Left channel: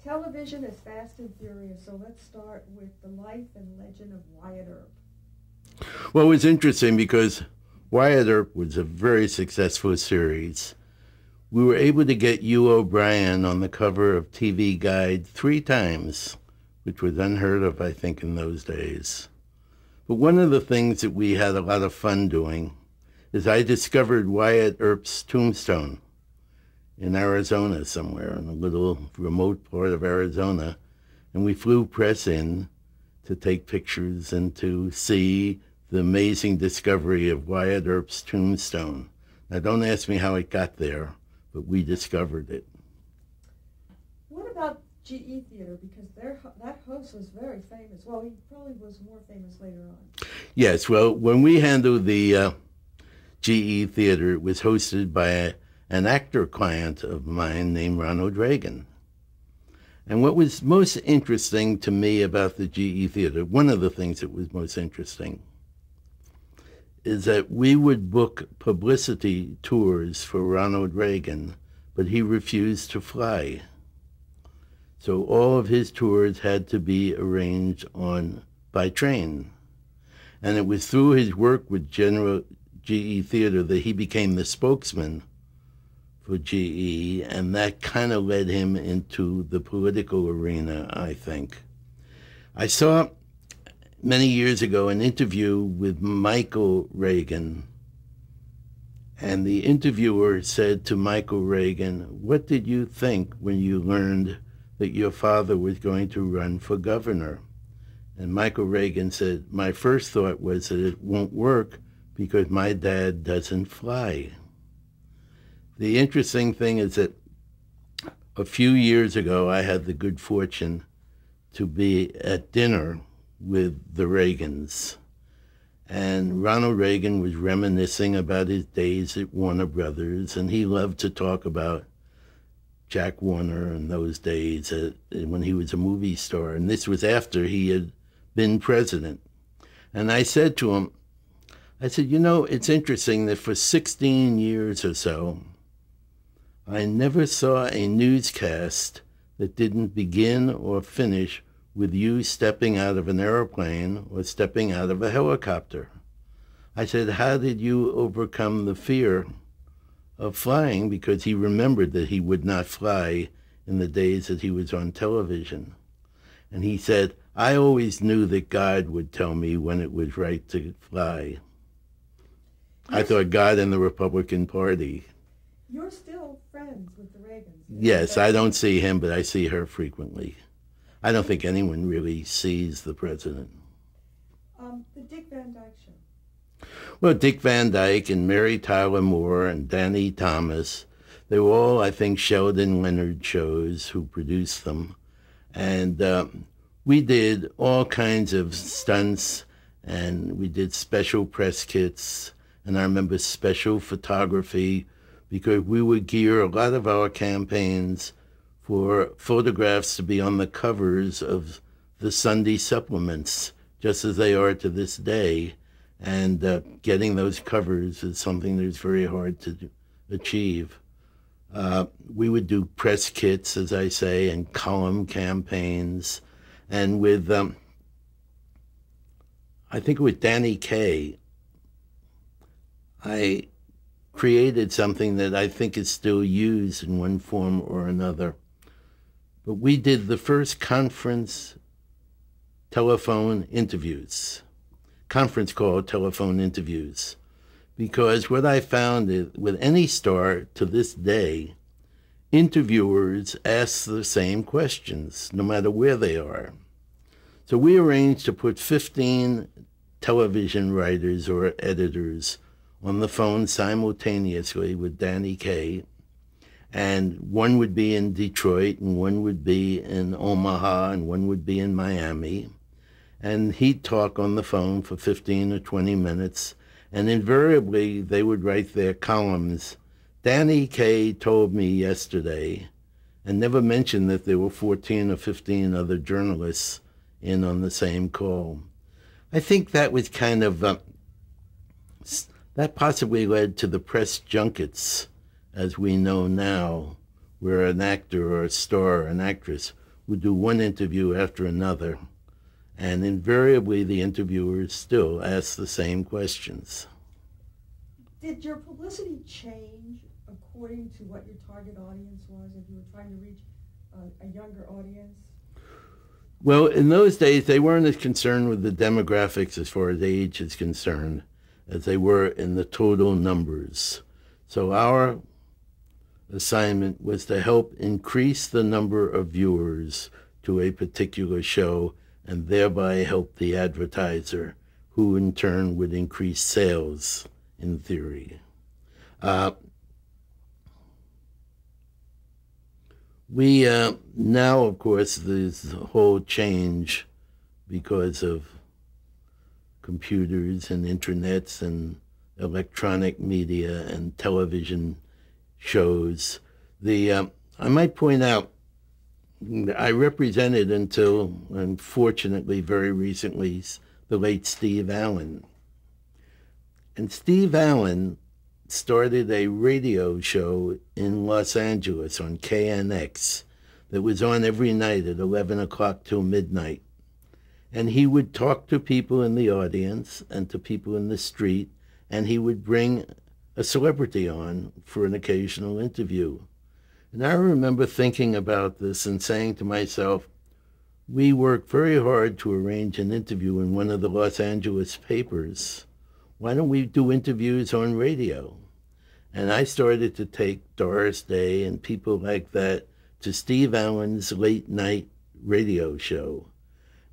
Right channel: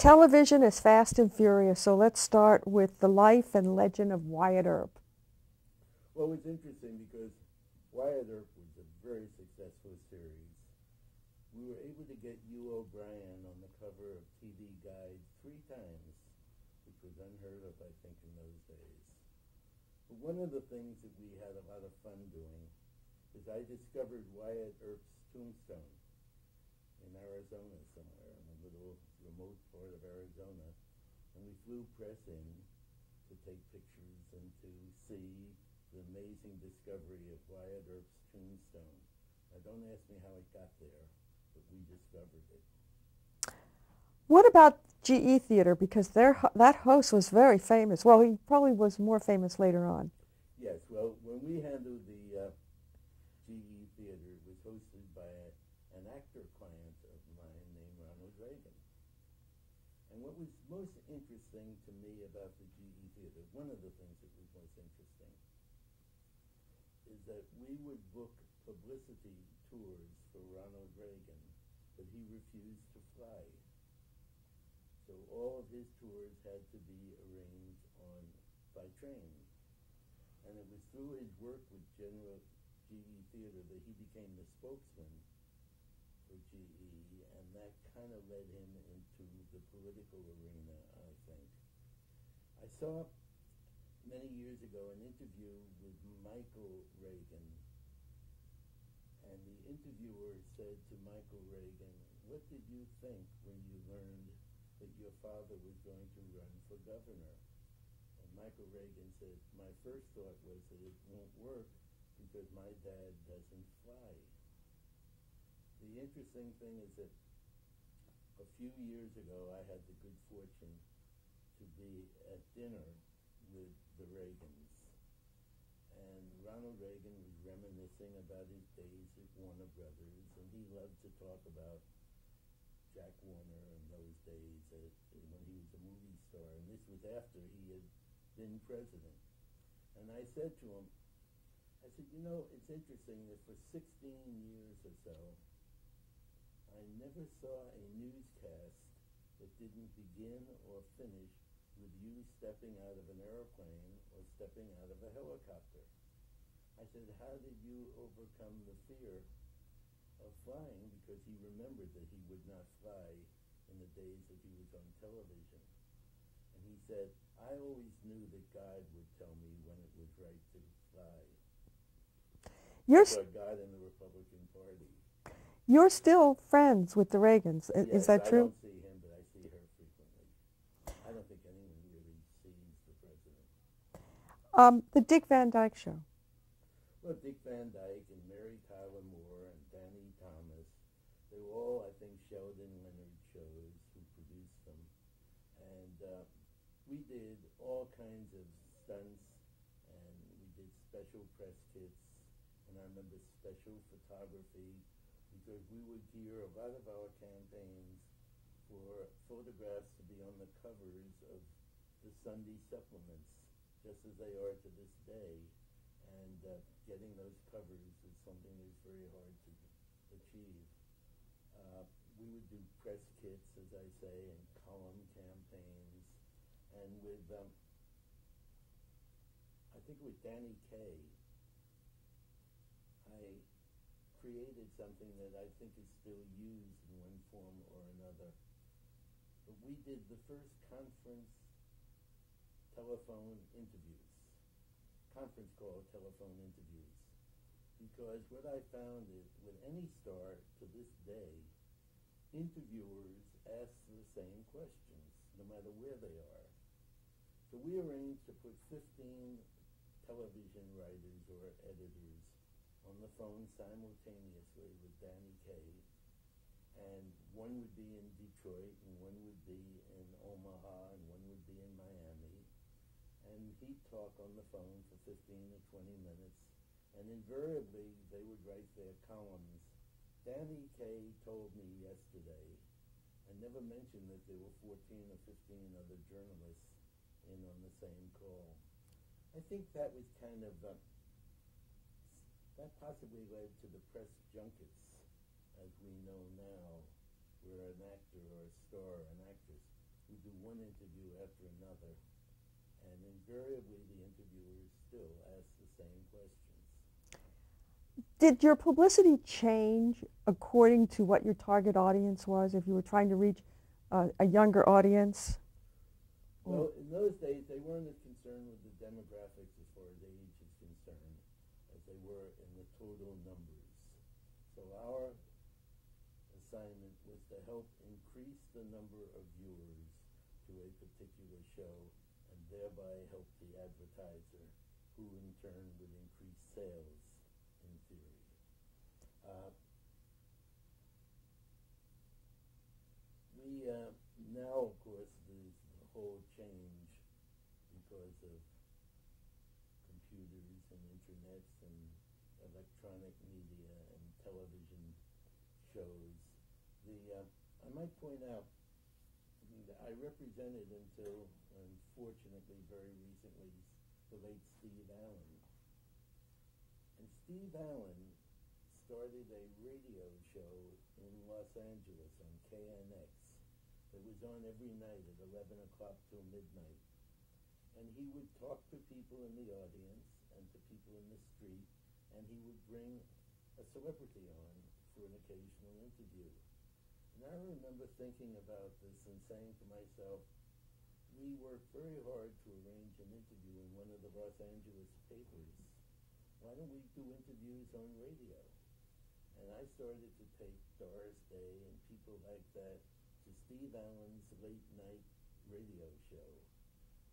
Television is fast and furious, so let's start with the life and legend of Wyatt Earp. Well, it was interesting because Wyatt Earp was a very successful series. We were able to get Hugh O'Brien on the cover of TV Guide 3 times, which was unheard of, I think, in those days. But one of the things that we had a lot of fun doing is I discovered Wyatt Earp's tombstone in Arizona somewhere, in a little remote part of Arizona. And we flew press in to take pictures and to see the amazing discovery of Wyatt Earp's tombstone. Now, don't ask me how it got there, but we discovered it. What about GE Theater? Because that host was very famous. Well, he probably was more famous later on. Yes, well, when we handled the GE Theater, it was hosted by an actor client of mine named Ronald Reagan. And what was most interesting to me about the GE Theater, one of the things that was most interesting, is that we would book publicity tours for Ronald Reagan, but he refused to fly. So all of his tours had to be arranged by train. And it was through his work with General GE Theater that he became the spokesman for GE, and that kind of led him into the political arena, I think. I saw many years ago an interview with Michael Reagan, and the interviewer said to Michael Reagan, "What did you think when you learned that your father was going to run for governor?" And Michael Reagan said, "My first thought was that it won't work because my dad doesn't fly." The interesting thing is that a few years ago, I had the good fortune to be at dinner with the Reagans. And Ronald Reagan was reminiscing about his days at Warner Brothers, and he loved to talk about Jack Warner in those days when he was a movie star. And this was after he had been president. And I said to him, you know, it's interesting that for 16 years or so, I never saw a newscast that didn't begin or finish with you stepping out of an airplane or stepping out of a helicopter. I said, how did you overcome the fear of flying? Because he remembered that he would not fly in the days that he was on television. And he said, I always knew that God would tell me when it was right to fly. I thought God and the Republican Party. You're still friends with the Reagans. Yes, I don't see him, but I see her frequently. I don't think anyone really sees the president. The Dick Van Dyke Show. Well, Dick Van Dyke and Mary Tyler Moore and Danny Thomas, they were all, I think, Sheldon Leonard shows who produced them. And we did all kinds of stunts, and we did special press kits, and I remember special photography, because we would gear a lot of our campaigns for photographs to be on the covers of the Sunday supplements, just as they are to this day. And getting those covers is something that's very hard to achieve. We would do press kits, as I say, and column campaigns. And with, I think with Danny Kaye, I created something that I think is still used in one form or another. But we did the first conference telephone interviews, conference call telephone interviews, because what I found is with any star to this day, interviewers ask the same questions, no matter where they are. So we arranged to put 15 television writers or editors on the phone simultaneously with Danny Kaye, and one would be in Detroit, and one would be in Omaha, and one would be in Miami, and he'd talk on the phone for 15 or 20 minutes, and invariably they would write their columns. Danny Kaye told me yesterday, and never mentioned that there were 14 or 15 other journalists in on the same call. I think that was kind of that possibly led to the press junkets, as we know now, where an actor or a star, an actress, would do one interview after another, and invariably the interviewers still asked the same questions. Did your publicity change according to what your target audience was, if you were trying to reach a younger audience? Well, in those days, they weren't as concerned with the demographics as far as age is concerned as they were in the total numbers. So our assignment was to help increase the number of viewers to a particular show and thereby help the advertiser, who in turn would increase sales in theory. We now, of course, there's a whole change because of computers and internets and electronic media and television shows. I might point out, I represented until, unfortunately, very recently, the late Steve Allen. And Steve Allen started a radio show in Los Angeles on KNX that was on every night at 11 o'clock till midnight. And he would talk to people in the audience and to people in the street, and he would bring a celebrity on for an occasional interview. And I remember thinking about this and saying to myself, we worked very hard to arrange an interview in one of the Los Angeles papers. Why don't we do interviews on radio? And I started to take Doris Day and people like that to Steve Allen's late night radio show.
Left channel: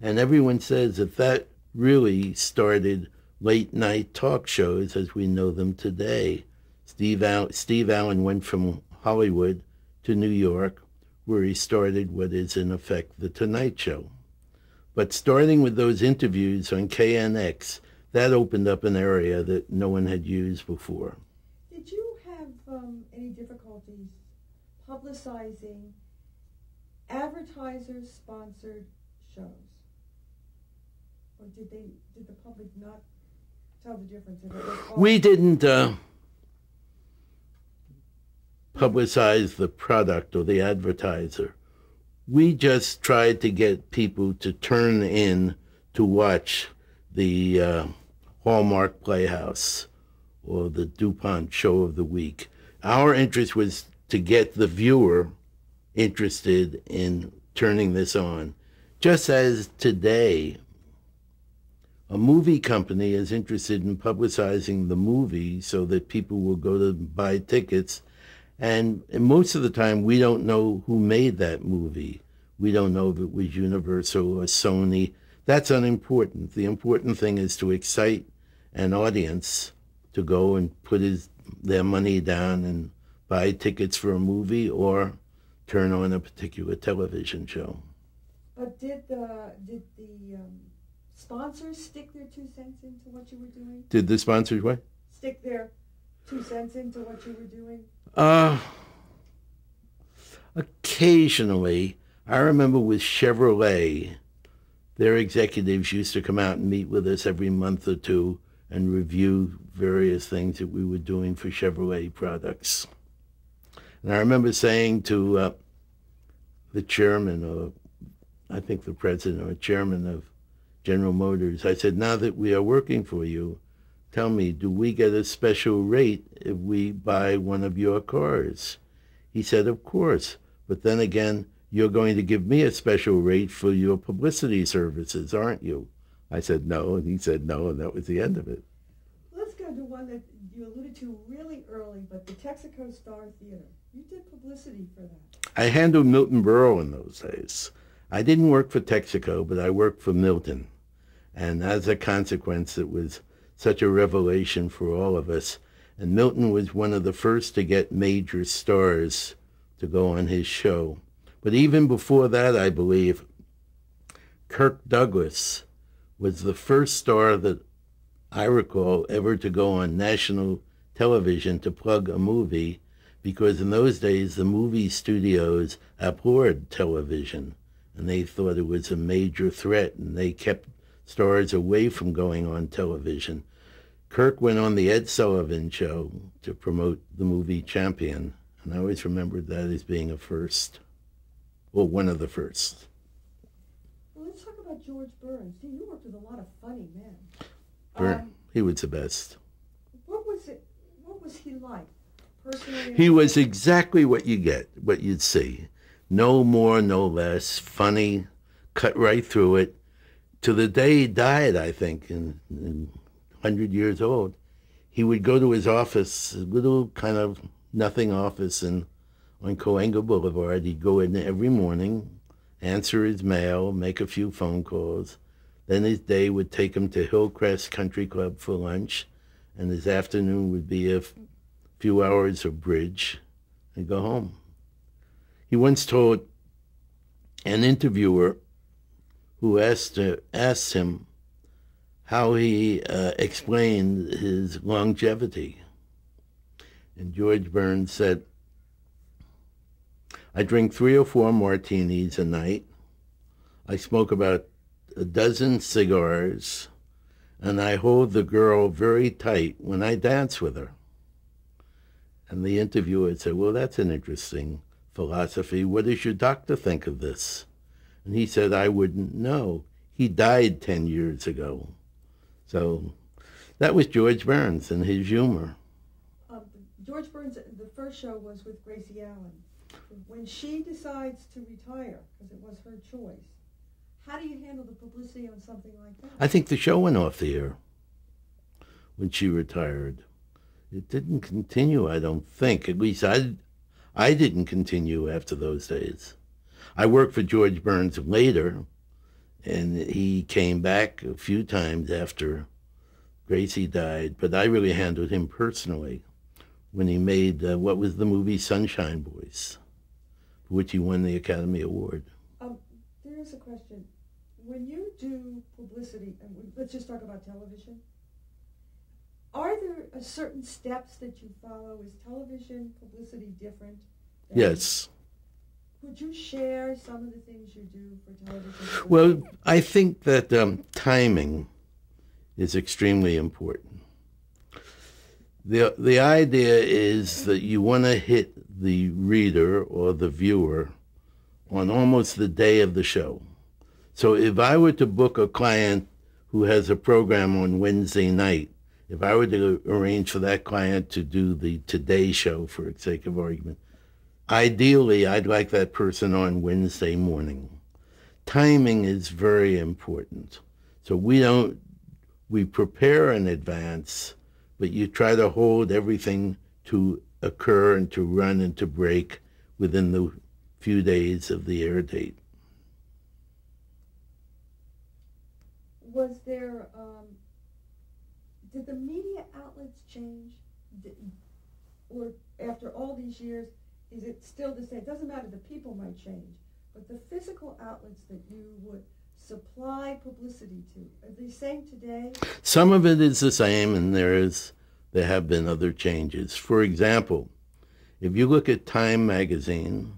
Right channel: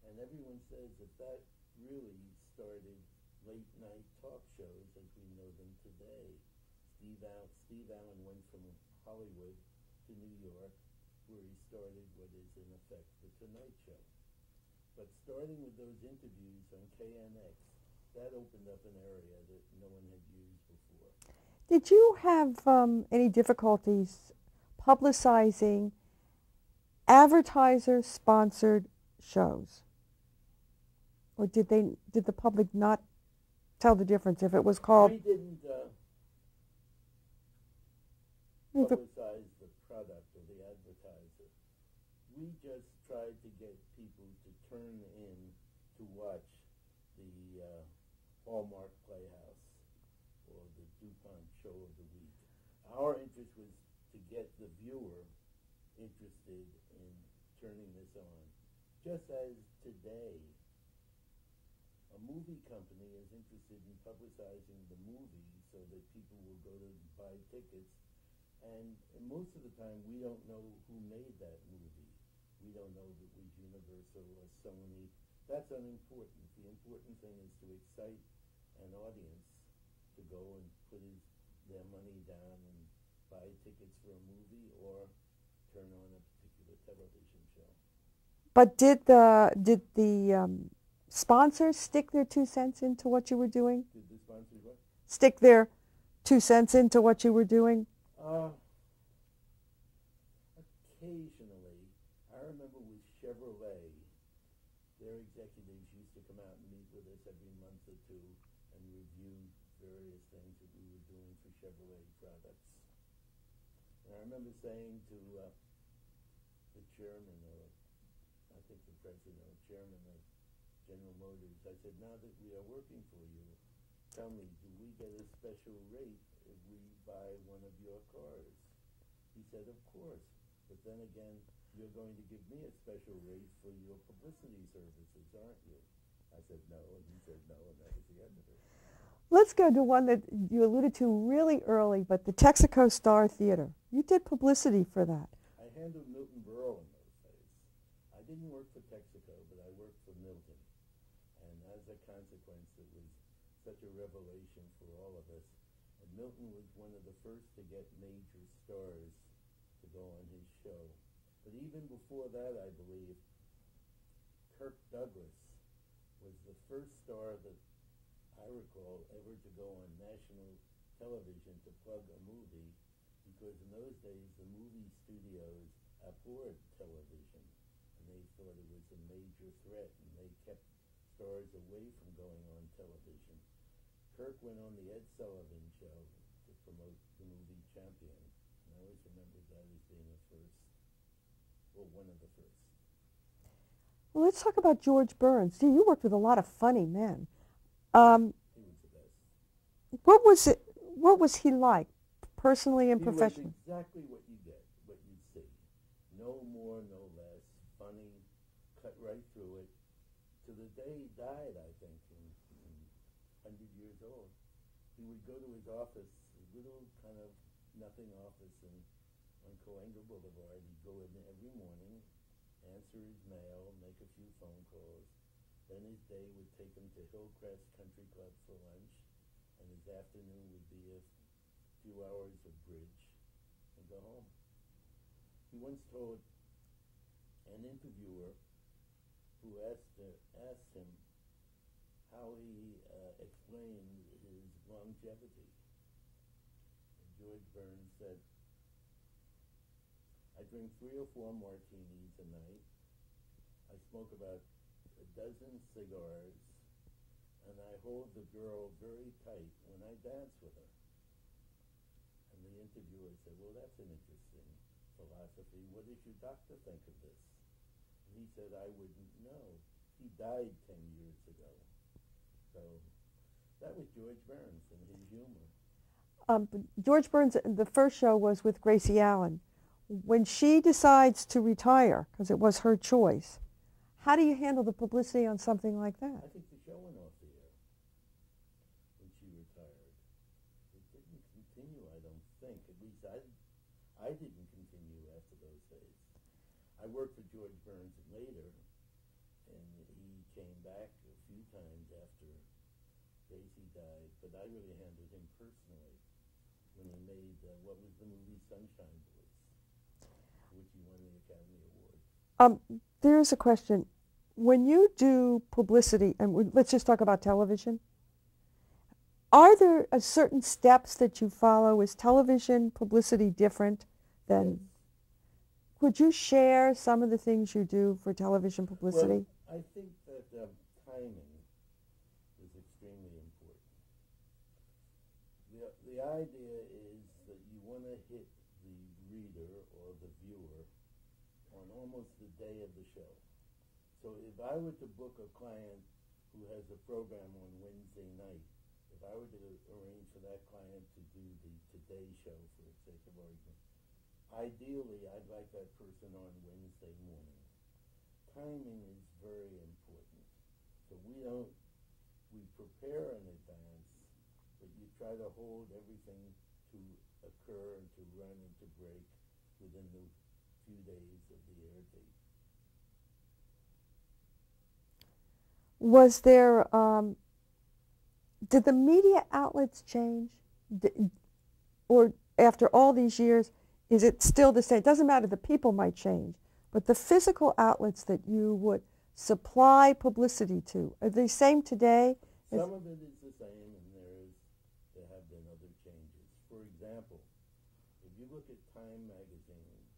And everyone says that really started late night talk shows as we know them today. Steve Allen went from Hollywood to New York, where he started what is in effect the Tonight Show. But starting with those interviews on KNX, that opened up an area that no one had used before. Did you have any difficulties publicizing advertiser-sponsored shows? Or did the public not tell the difference if it was called? We didn't publicize the product or the advertiser. We just tried to get people to turn in to watch the Hallmark Playhouse or the DuPont Show of the Week. Our interest was to get the viewer interested in turning this on. Just as today, a movie company is interested in publicizing the movie so that people will go to buy tickets. And most of the time, we don't know who made that movie. We don't know if it was Universal or Sony. That's unimportant. The important thing is to excite an audience to go and put their money down and buy tickets for a movie or turn on a particular television show. But did the sponsors stick their 2 cents into what you were doing? Did the sponsors what? Stick their 2 cents into what you were doing? Occasionally. I remember with Chevrolet, their executives used to come out and meet with us every month or two and review various things that we were doing for Chevrolet products. And I remember saying to the chairman, or I think the president or chairman of General Motors, I said, now that we are working for you, tell me, do we get a special rate if we buy one of your cars? He said, of course, but then again, you're going to give me a special rate for your publicity services, aren't you? I said, no, and he said no, and that was the end of it. Let's go to one that you alluded to really early, but the Texaco Star Theater. You did publicity for that. I handled Milton Berle in those days. I didn't work for Texaco, but I worked for Milton. And as a consequence, it was such a revelation for all of us. And Milton was one of the first to get major stars to go on his show. But even before that, I believe, Kirk Douglas was the first star that I recall ever to go on national television to plug a movie, because in those days, the movie studios abhorred television, and they thought it was a major threat, and they kept stars away from going on television. Kirk went on the Ed Sullivan Show to promote the movie Champion, and I always remembered that as being a first, well, one of the first. Well, let's talk about George Burns. See, you worked with a lot of funny men. He was the best. What was it? What was he like, personally and He was professionally? exactly what you get, what you'd see. No more, no less. Funny, cut right through it. To the day he died, I think, in 100 years old, he would go to his office, a little kind of nothing office on Cowan Boulevard. He'd go in every morning, answer his mail, make a few phone calls. Then his day would take him to Hillcrest Country Club for lunch, and his afternoon would be a few hours of bridge and go home. He once told an interviewer who asked him how he explained his longevity. And George Burns said, I drink 3 or 4 martinis a night. I smoke about a dozen cigars, and I hold the girl very tight when I dance with her. And the interviewer said, well, that's an interesting philosophy. What does your doctor think of this? And he said, I wouldn't know. He died 10 years ago. So that was George Burns and his humor. George Burns, the first show was with Gracie Allen. When she decides to retire, because it was her choice, how do you handle the publicity on something like that? I think the show went off the air when she retired. It didn't continue, I don't think. At least I didn't continue after those days. I worked for George Burns later, and he came back a few times after Gracie died, but I really handled him personally when he made what was the movie Sunshine Boys, for which he won the Academy Award. There's a question. When you do publicity, and let's just talk about television, are there certain steps that you follow? Is television publicity different than... Yes. Could you share some of the things you do for television publicity? Well, I think that timing is extremely important. The idea is that you want to hit the reader or the viewer on almost the day of the show. So if I were to book a client who has a program on Wednesday night, if I were to arrange for that client to do the Today Show, for sake of argument, ideally I'd like that person on Wednesday morning. Timing is very important. So we prepare in advance, but you try to hold everything to occur and to run and to break within the few days of the air date. Was there, did the media outlets change? Or after all these years, is it still the same? It doesn't matter, the people might change, but the physical outlets that you would supply publicity to, are they the same today? Some of it is the same, and there have been other changes. For example, if you look at Time magazine,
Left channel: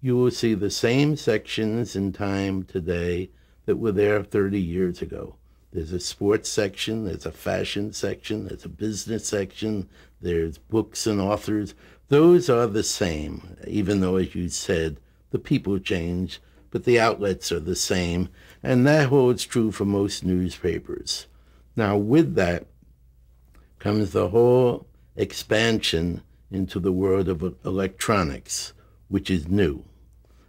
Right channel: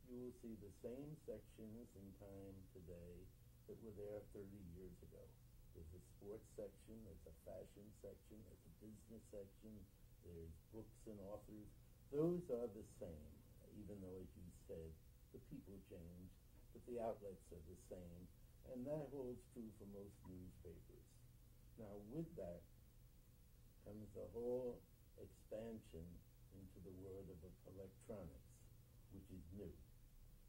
you will see the same sections in Time today that were there 30 years ago. There's a sports section, there's a fashion section, there's a business section, there's books and authors. Those are the same, even though, as you said, the people change, but the outlets are the same, and that holds true for most newspapers. Now, with that comes the whole expansion into the world of electronics, which is new.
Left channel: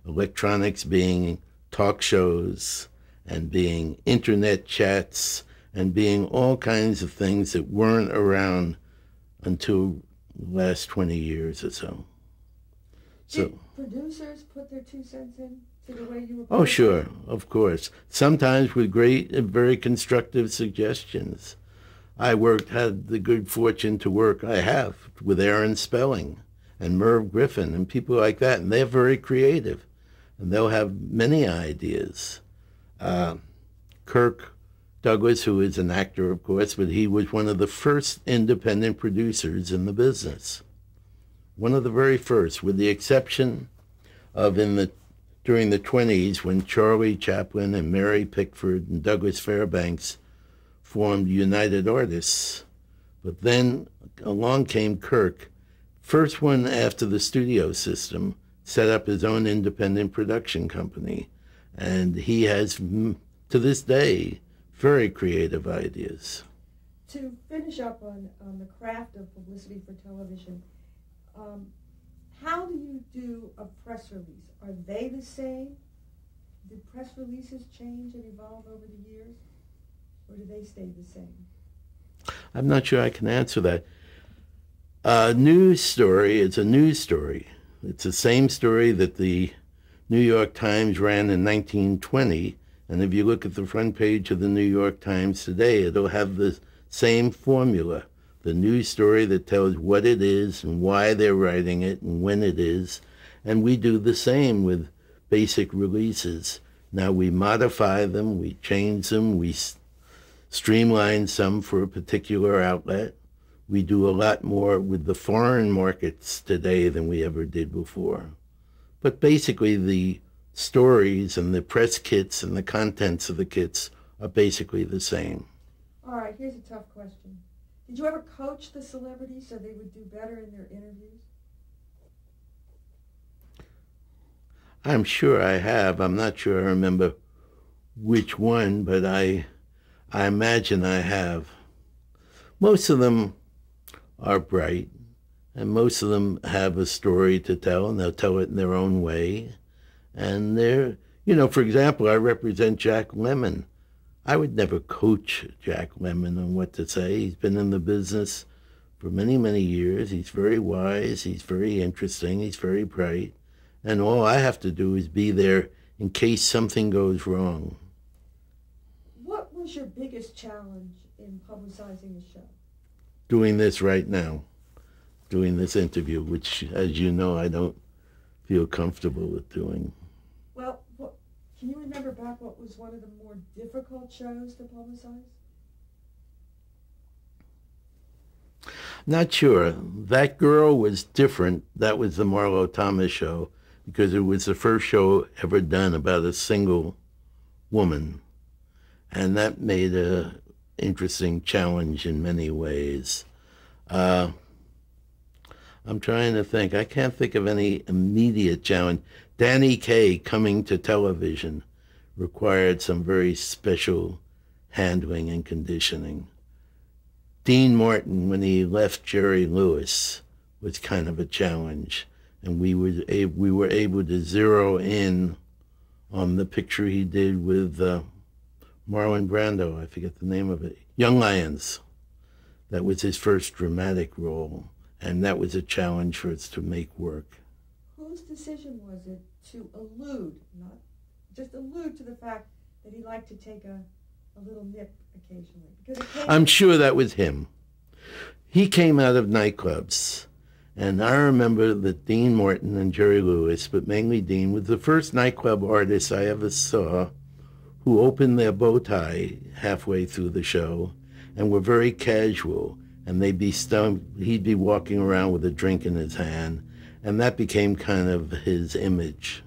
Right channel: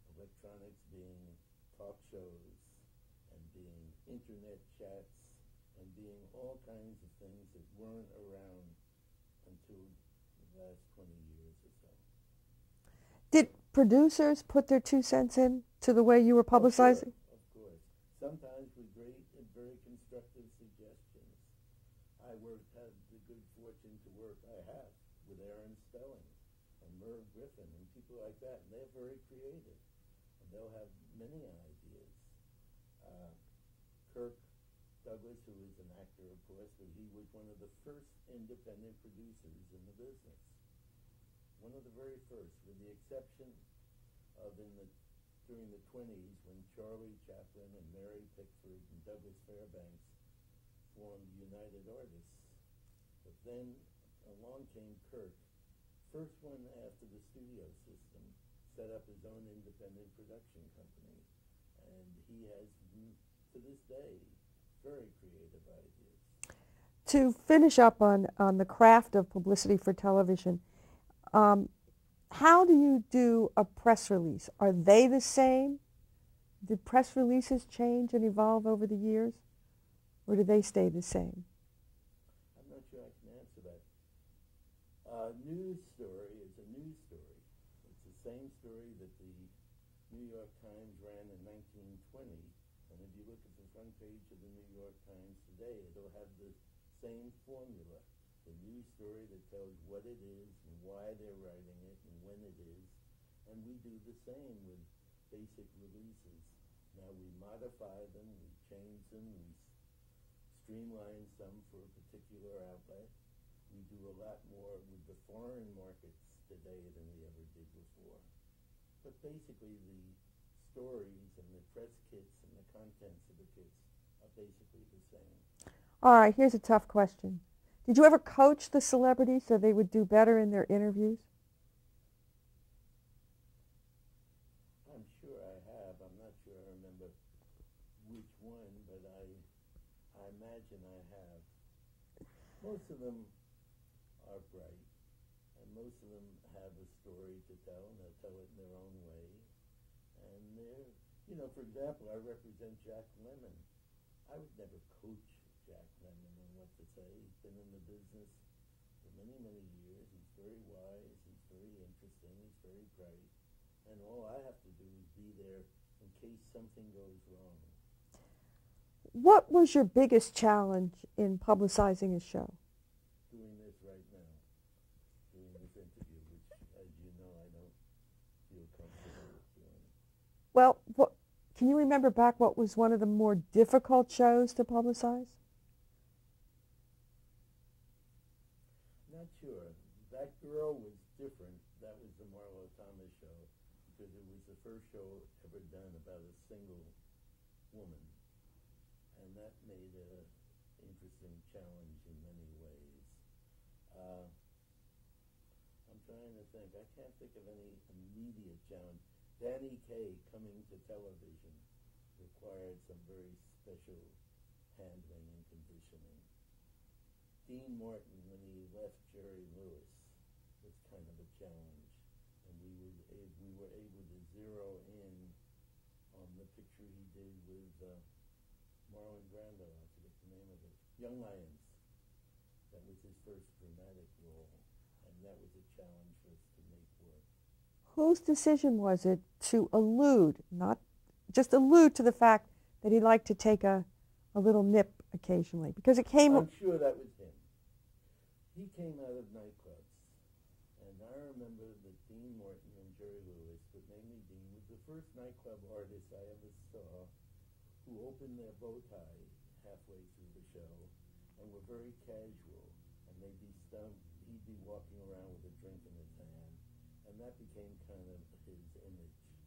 Electronics being talk shows, and being internet chats, and being all kinds of things that weren't around until the last 20 years or so. Did producers put their 2 cents in to the way you were Oh, publicizing? sure, of course. Sometimes with great and very constructive suggestions. I had the good fortune to work, I have, with Aaron Spelling and Merv Griffin and people like that, and they're very creative, and they'll have many ideas. Kirk Douglas, who is an actor, of course, but he was one of the first independent producers in the business. One of the very first, with the exception of during the 20s when Charlie Chaplin and Mary Pickford and Douglas Fairbanks formed United Artists. But then along came Kirk, first one after the studio system, set up his own independent production company. And he has, to this day, very creative ideas. To finish up on the craft of publicity for television, how do you do a press release? Are they the same? Did press releases change and evolve over the years? Or do they stay the same? I'm not sure I can answer that. A news story is a news story. It's the same story that the New York Times ran in 1920, and if you look at the front page of the New York Times today, it'll have the same formula. The news story that tells what it is and why they're writing it and when it is. And we do the same with basic releases. Now we modify them, we change them, we streamline some for a particular outlet. We do a lot more with the foreign markets today than we ever did before. But basically the stories and the press kits and the contents of the kits are basically the same. All right, here's a tough question. Did you ever coach the celebrities so they would do better in their interviews? I'm sure I have. I'm not sure I remember which one, but I imagine I have. Most of them are bright, and most of them have a story to tell, and they'll tell it in their own way. And they're, for example, I represent Jack Lemmon. I would never coach Jack Lemmon on what to say. He's been in the business for many, many years. He's very wise. He's very interesting. He's very bright. And all I have to do is be there in case something goes wrong. What was your biggest challenge in publicizing a show? Doing this right now, doing this interview, which, as you know, I don't feel comfortable with doing. Well, can you remember back what was one of the more difficult shows to publicize? Not sure. That Girl was different. That was the Marlo Thomas show because it was the first show ever done about a single woman. And that made an interesting challenge in many ways. I'm trying to think. I can't think of any immediate challenge. Danny Kaye coming to television required some very special handling and conditioning. Dean Martin, when he left Jerry Lewis, was kind of a challenge. And we were able to zero in on the picture he did with Marlon Brando. I forget the name of it. Young Lions. That was his first dramatic role. And that was a challenge for us to make work. Whose decision was it to allude, not just allude to the fact that he liked to take a little nip occasionally? Because it came... I'm sure that was him. He came out of nightclubs. And I remember that Dean Martin and Jerry Lewis, but mainly Dean, was the first nightclub artist I ever saw who opened their bow tie halfway through the show and were very casual. And he'd be walking around with a drink in his hand. And that became kind of his image.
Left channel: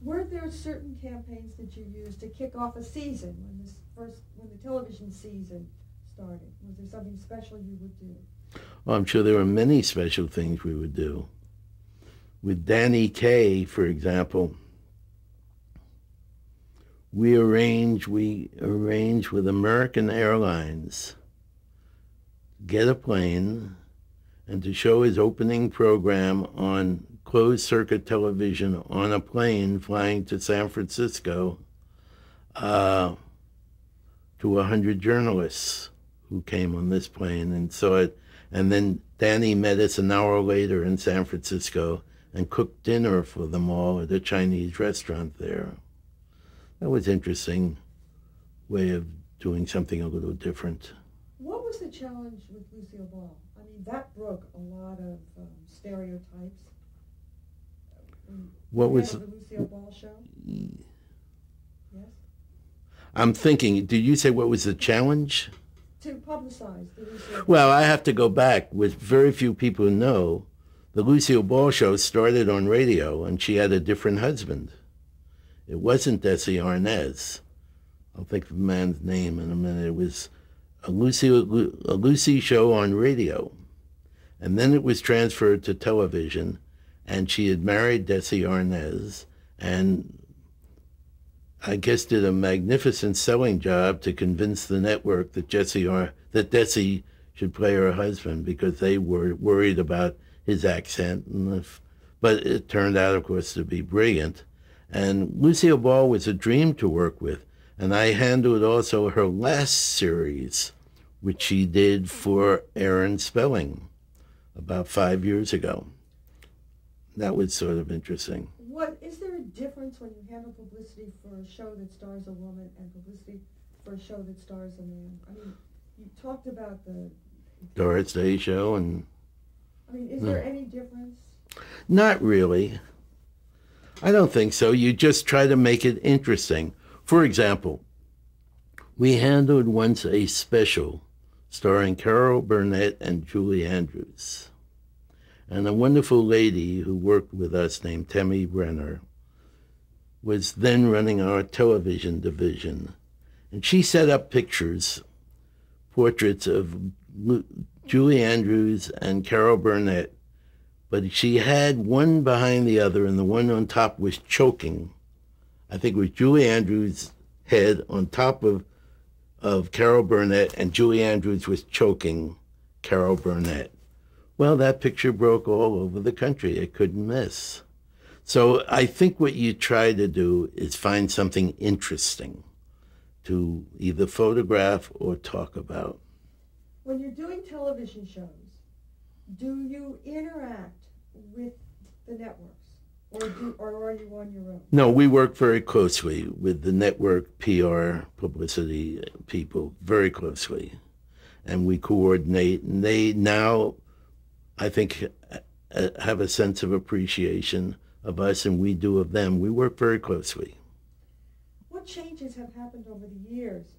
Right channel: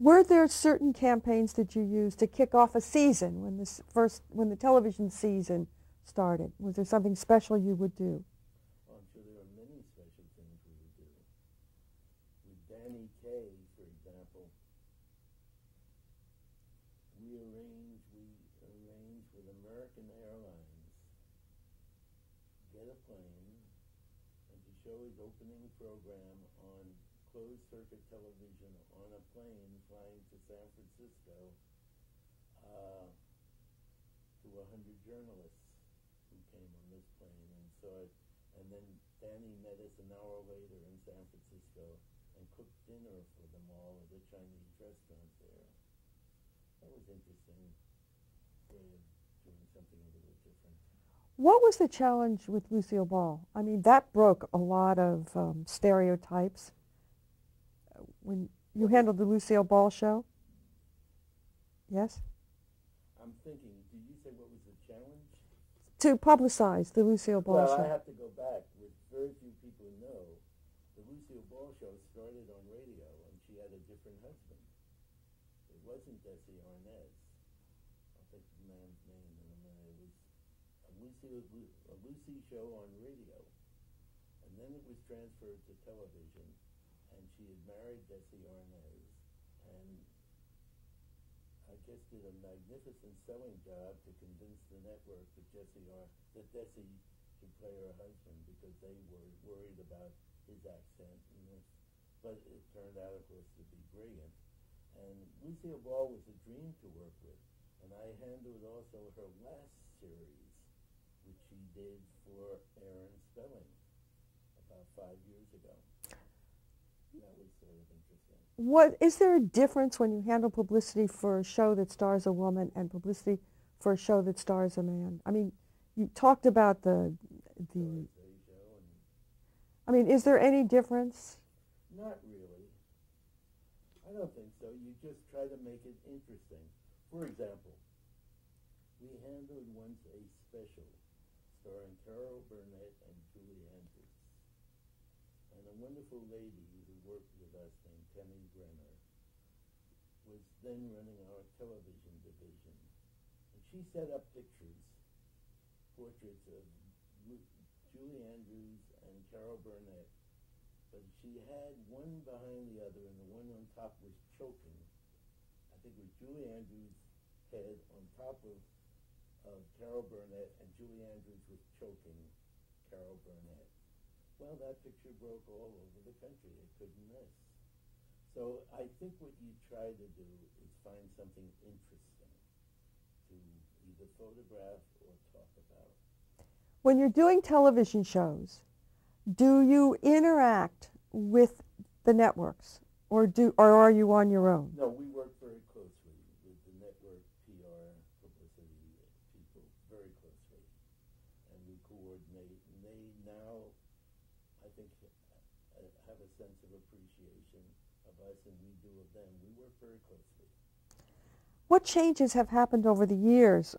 Were there certain campaigns that you used to kick off a season when the television season started? Was there something special you would do? Well, I'm sure there were many special things we would do. With Danny Kaye, for example, we arranged with American Airlines to get a plane and to show his opening program on closed-circuit television on a plane flying to San Francisco to 100 journalists who came on this plane and saw it. And then Danny met us an hour later in San Francisco and cooked dinner for them all at a Chinese restaurant there. That was an interesting way of doing something a little different. What was the challenge with Lucille Ball? I mean, that broke a lot of stereotypes. When you handled the Lucille Ball show? Yes? I'm thinking, did you say what was the challenge? To publicize the Lucille Ball Well, show. I have to go back. With very few people who know, the Lucille Ball show started on radio, and she had a different husband. It wasn't Desi Arnaz. I'll think of the man's name in a minute. It was a Lucy show on radio. And then it was transferred to television, and she had married Desi Arnaz, and I guess, did a magnificent selling job to convince the network that Desi should play her husband because they were worried about his accent. But it turned out, of course, to be brilliant. And Lucille Ball was a dream to work with. And I handled also her last series, which she did for Aaron Spelling about 5 years ago. That was sort of interesting. What is there a difference when you handle publicity for a show that stars a woman and publicity for a show that stars a man? I mean, you talked about the Doris Day show, and I mean, is there any difference? not really. I don't think so. You just try to make it interesting. For example, we handled once a special starring Carol Burnett and Julie Andrews. And a wonderful lady who worked with us named Tammy Brenner was then running our television division. And she set up portraits of Julie Andrews and Carol Burnett, but she had one behind the other, and the one on top was choking. I think it was Julie Andrews' head on top of Carol Burnett, and Julie Andrews was choking Carol Burnett. Well, that picture broke all over the country. It couldn't miss. So I think what you try to do is find something interesting to either photograph or talk about. When you're doing television shows, do you interact with the networks, or are you on your own? No, we work very closely with the network PR publicity people, very closely. And we coordinate, and they now, I think, have a sense of appreciation of us, and we do of them. We work very closely. What changes have happened over the years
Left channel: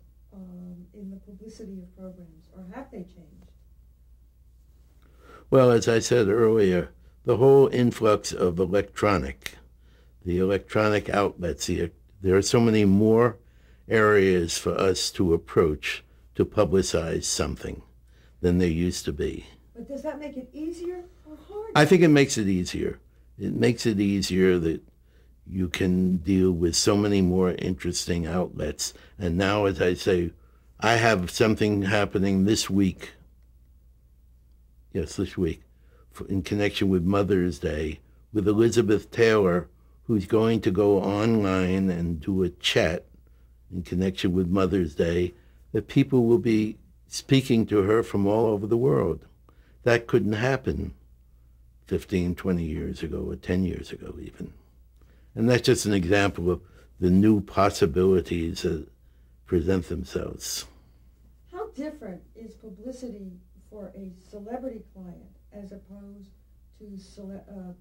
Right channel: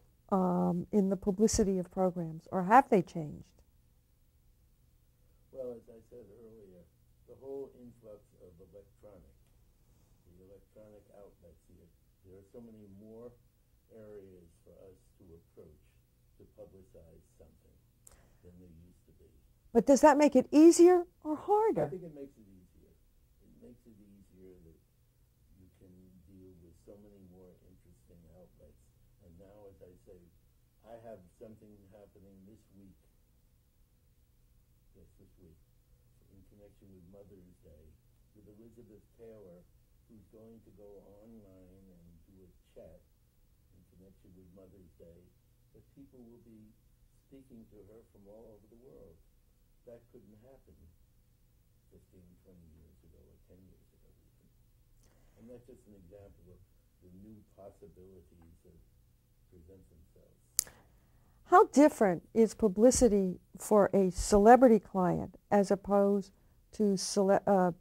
in the publicity of programs, or have they changed? Well, as I said earlier, the whole influx of the electronic outlets, there are so many more areas for us to approach to publicize something than there used to be. But does that make it easier or harder? I think it makes it easier. It makes it easier that you can deal with so many more interesting outlets. And now, as I say, I have something happening this week, in connection with Mother's Day, with Elizabeth Taylor, who's going to go online and do a chat in connection with Mother's Day, that people will be speaking to her from all over the world. That couldn't happen 15, 20 years ago, or 10 years ago even. And that's just an example of the new possibilities that present themselves. How different is publicity for a celebrity client as opposed to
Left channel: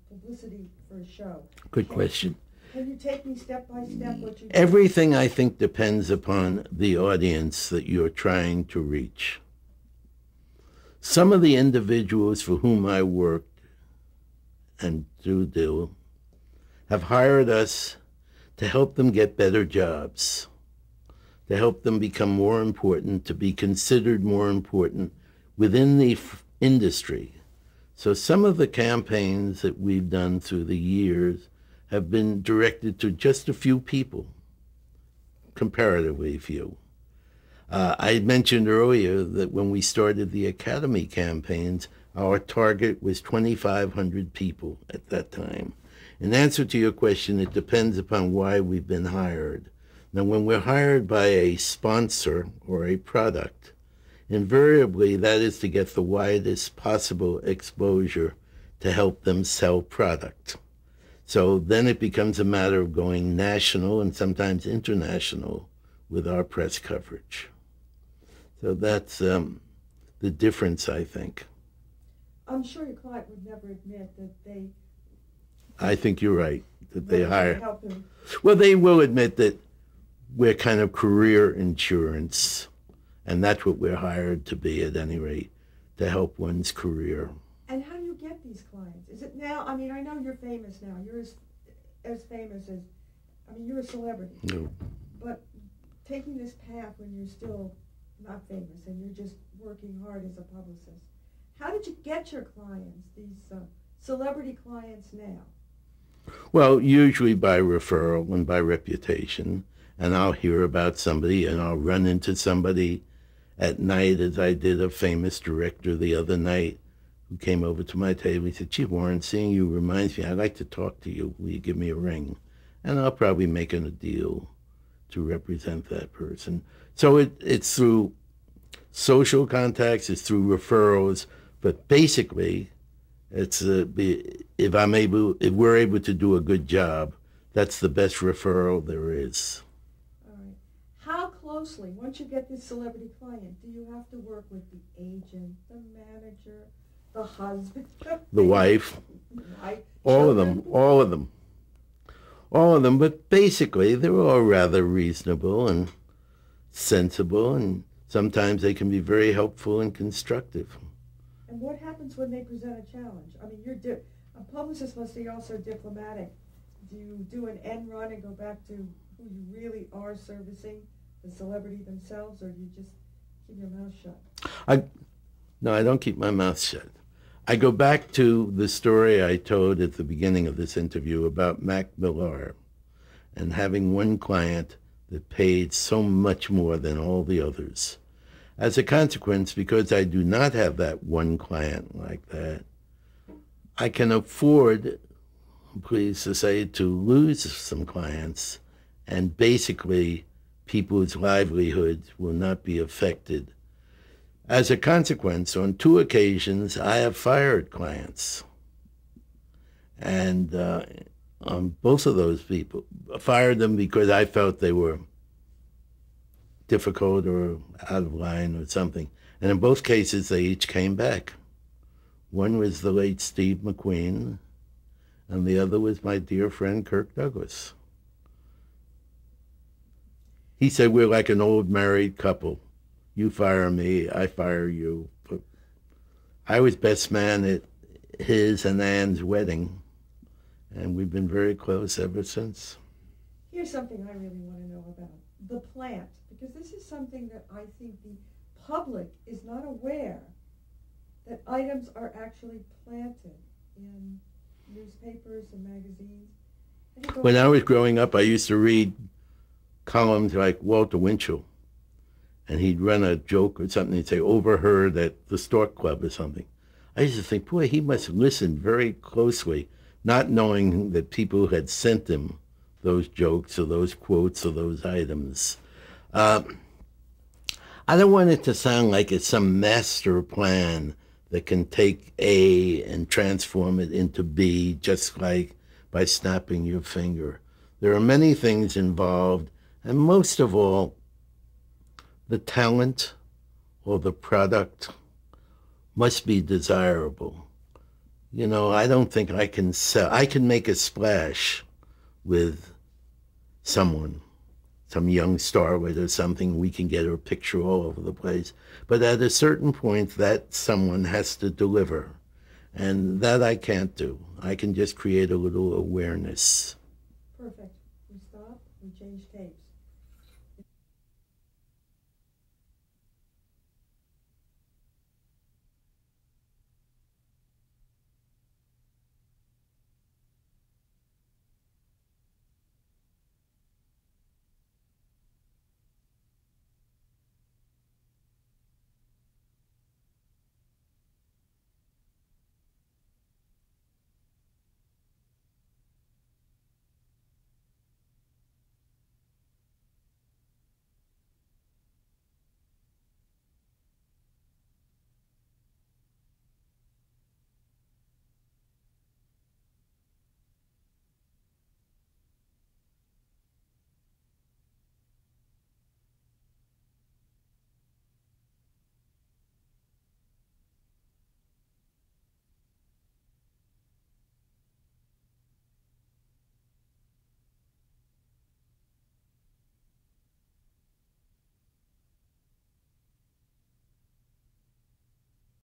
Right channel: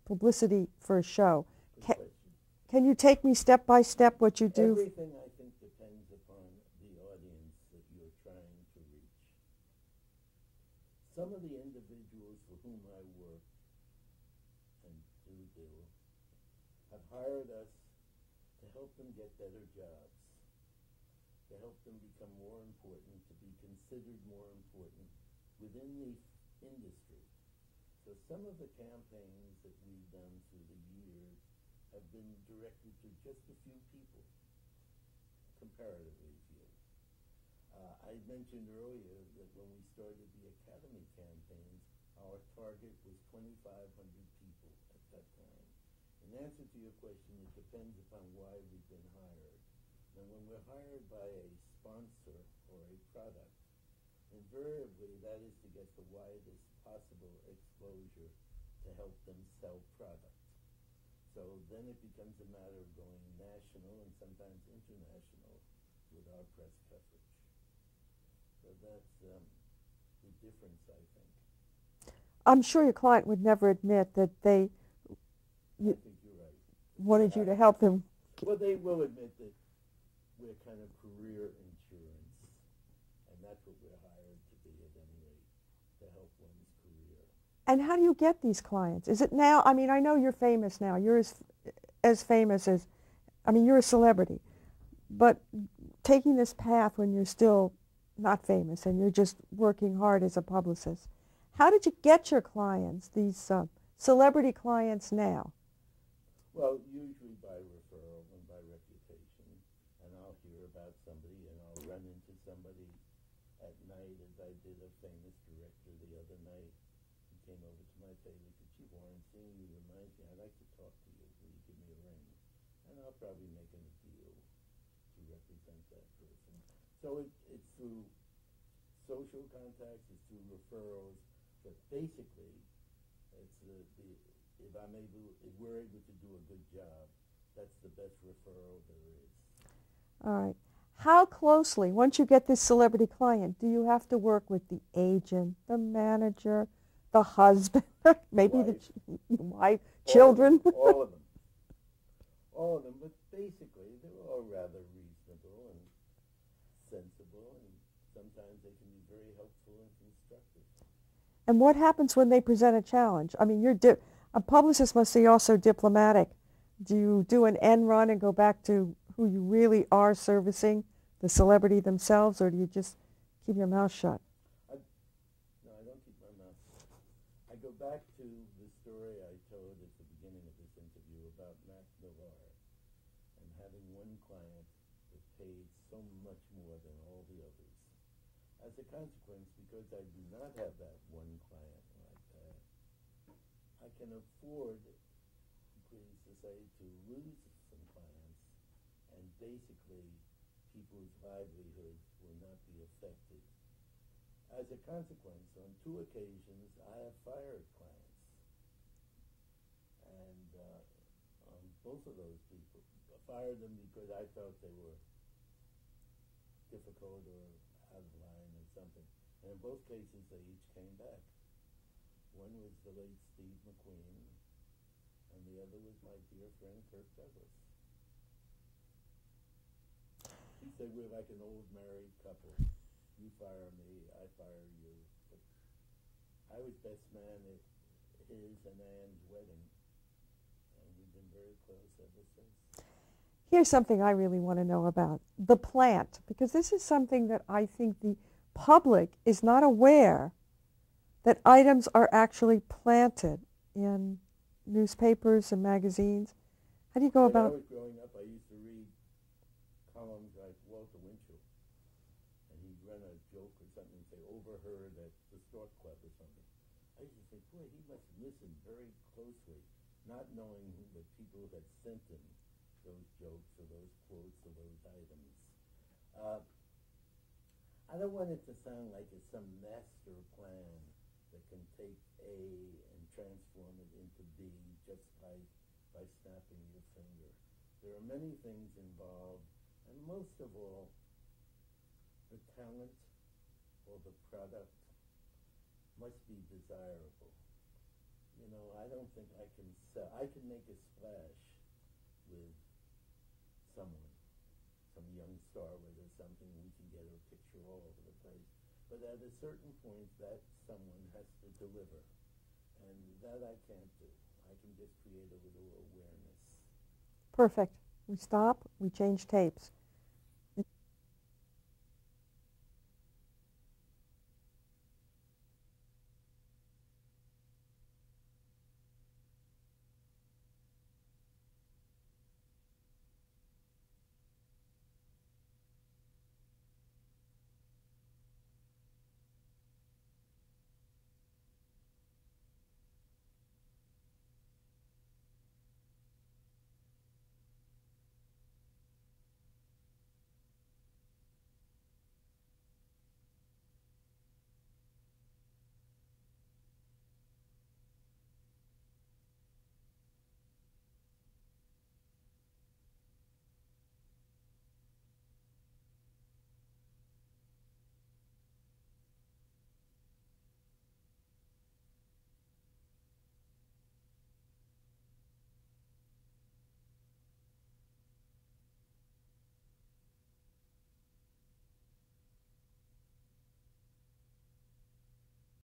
publicity for a show? Good question. Can you take me step by step what you do? Everything, I think, depends upon the audience that you're trying to reach. Some of the individuals for whom I worked and do have hired us to help them get better jobs, to help them become more important, to be considered more important within the industry. So some of the campaigns that we've done through the years have been directed to just a few people, comparatively few. I mentioned earlier that when we started the Academy campaigns, our target was 2,500 people at that time. In answer to your question, it depends upon why we've been hired. Now, when we're hired by a sponsor or a product, invariably that is to get the widest possible exposure to help them sell product. So then it becomes a matter of going national and sometimes international with our press coverage. So that's the difference, I think. I'm sure your client would never admit that they... I think you're right, that they wanted you hire... to help them. Well, they will admit that we're kind of career insurance, and that's what we're hired to be, at any rate, to help one's career. And how do you get these clients? Is it now, I mean, I know you're famous now. You're as famous as, I mean, you're a celebrity. No. But taking this path when you're still not famous and you're just working hard as a publicist, how did you get your clients, these celebrity clients now? Well, usually by referral and by reputation. and I'll hear about somebody, and I'll run into somebody at night, as I did a famous director the other night who came over to my table. He said, "Gee, Warren, seeing you reminds me, I'd like to talk to you. Will you give me a ring?" And I'll probably make a deal to represent that person. So it's through social contacts, it's through referrals, but basically, it's if we're able to do a good job, that's the best referral there is. All right. How closely, once you get this celebrity client, do you have to work with the agent, the manager, the husband, The wife, wife, all of children? them, all of them, all of them. But basically, they're all rather reasonable and sensible, and sometimes they can be very helpful and constructive. And what happens when they present a challenge? I mean, a publicist must be also diplomatic. Do you do an end run and go back to who you really are servicing, the celebrity themselves, or do you just keep your mouth shut? No, I don't keep my mouth shut. I go back to the story I told at the beginning of this interview about Mac Millar and having one client that paid so much more than all the others. As a consequence, because I do not have that one client like that, I can afford, pleased to say, to lose some clients, and basically people's livelihoods will not be affected. As a consequence, on 2 occasions, I have fired clients. And on both of those people, I fired them because I felt they were difficult or out of line or something. And in both cases, they each came back. One was the late Steve McQueen, and the other was my dear friend Kirk Douglas. He said, "We're like an old married couple. You fire me, I fire you." But I was best man at his and Ann's wedding, and we've been very close ever since. Here's something I really want to know about, the plant, because this is something that I think the public is not aware that items are actually planted in newspapers and magazines. How do you go When I about was growing up, I used to read columns like Walter Winchell, and he'd run a joke or something. He'd say, "Overheard at the Stork Club" or something. I used to think, boy, he must listen very closely, not knowing that people had sent him those jokes or those quotes or those items. I don't want it to sound like it's some master plan that can take A and transform it into B just like by snapping your finger. There are many things involved, and most of all, the talent or the product must be desirable. You know, I don't think I can sell. I can make a splash with someone, some young starlet or something. We can get her picture all over the place. But at a certain point, that someone has to deliver. And that I can't do. I can just create a little awareness. Perfect. We stop, we change tapes.